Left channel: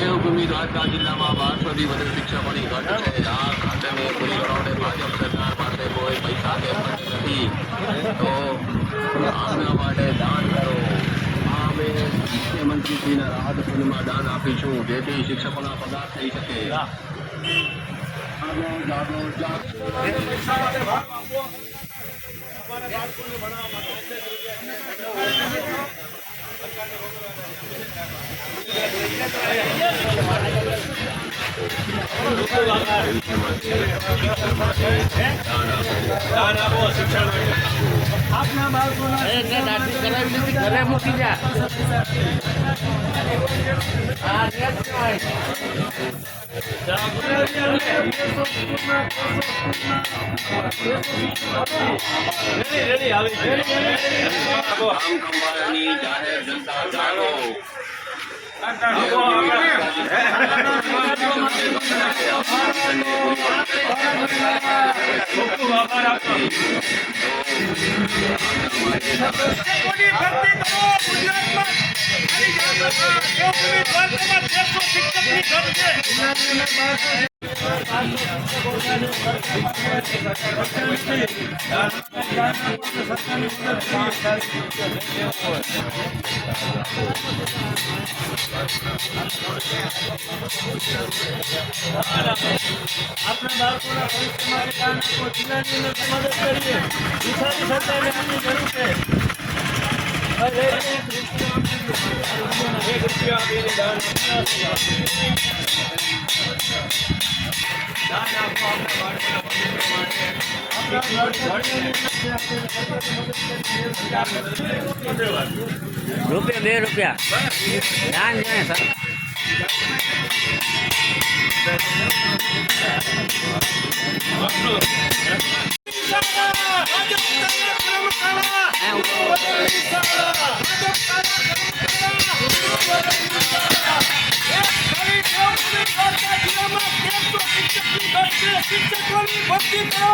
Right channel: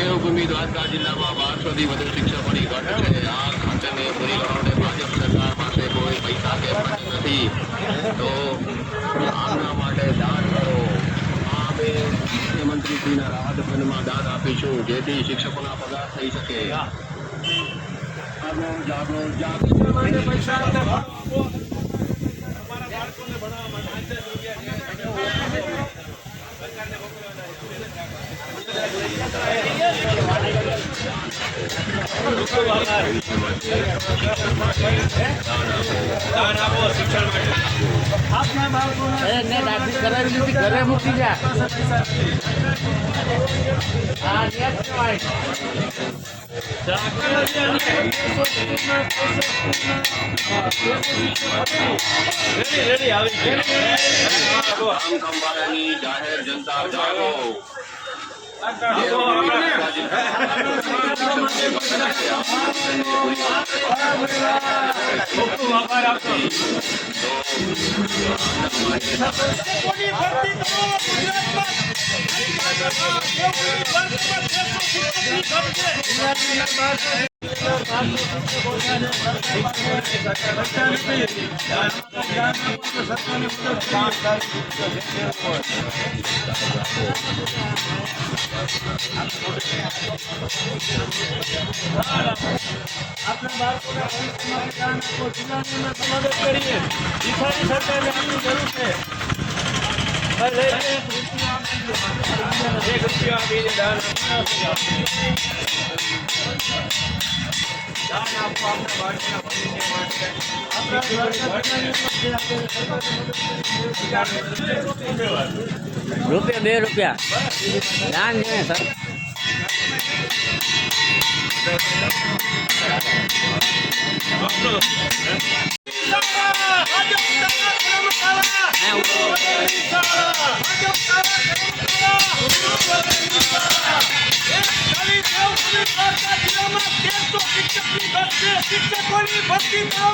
દેવભૂમિ દ્વારકા જિલ્લામાં 1200થી વધુ શિક્ષકોની ઘટ છે. આ ખાતરને પૂરી કરાવવા ભાજપ સરકાર પાસે કોઈ પૈસા કે ફંડ નથી, તો આના માટે દાન કરો. અમે મુખ્યમંત્રીશ્રીના રાહત ફંડમાં દાન આપીશું, જેથી શિક્ષકોના પગાર થઈ શકે. જાગો જાગો જાગો. આપના બાળકોને ઘરે મૂકી જા. જાહેર જનતા જાગો. આપણા બાળકોના ભવિષ્ય માટે દાન આપો. જિલ્લાની અંદર મદદ કરીએ. ઈશાની સરકારને આપની જરૂર છે. દાન આપો આપણા બાળકોના ભવિષ્ય માટે. ₹2 દાન છે સર. શિક્ષકોની ભરતી કરો.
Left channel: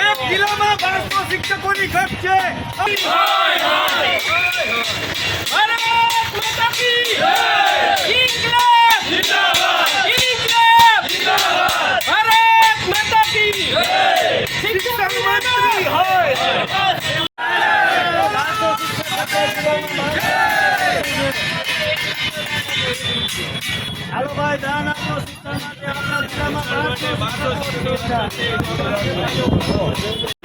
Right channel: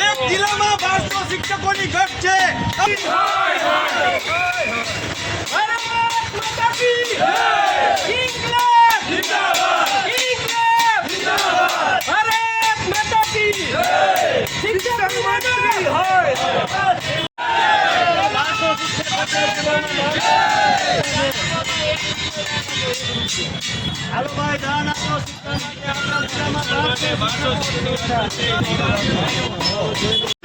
એક જિલ્લામાં 1200 શિક્ષકોની ઘટ છે. ભારત માતા કી જય. ઇન્કલાબ જિંદાબાદ. ઇન્કલાબ જિંદાબાદ. ભારત માતા કી જય. શિક્ષણ મંત્રી હોય. હાલો ભાઈ, દાન આપો શિક્ષણ માટે. આપણા જિલ્લામાં 1200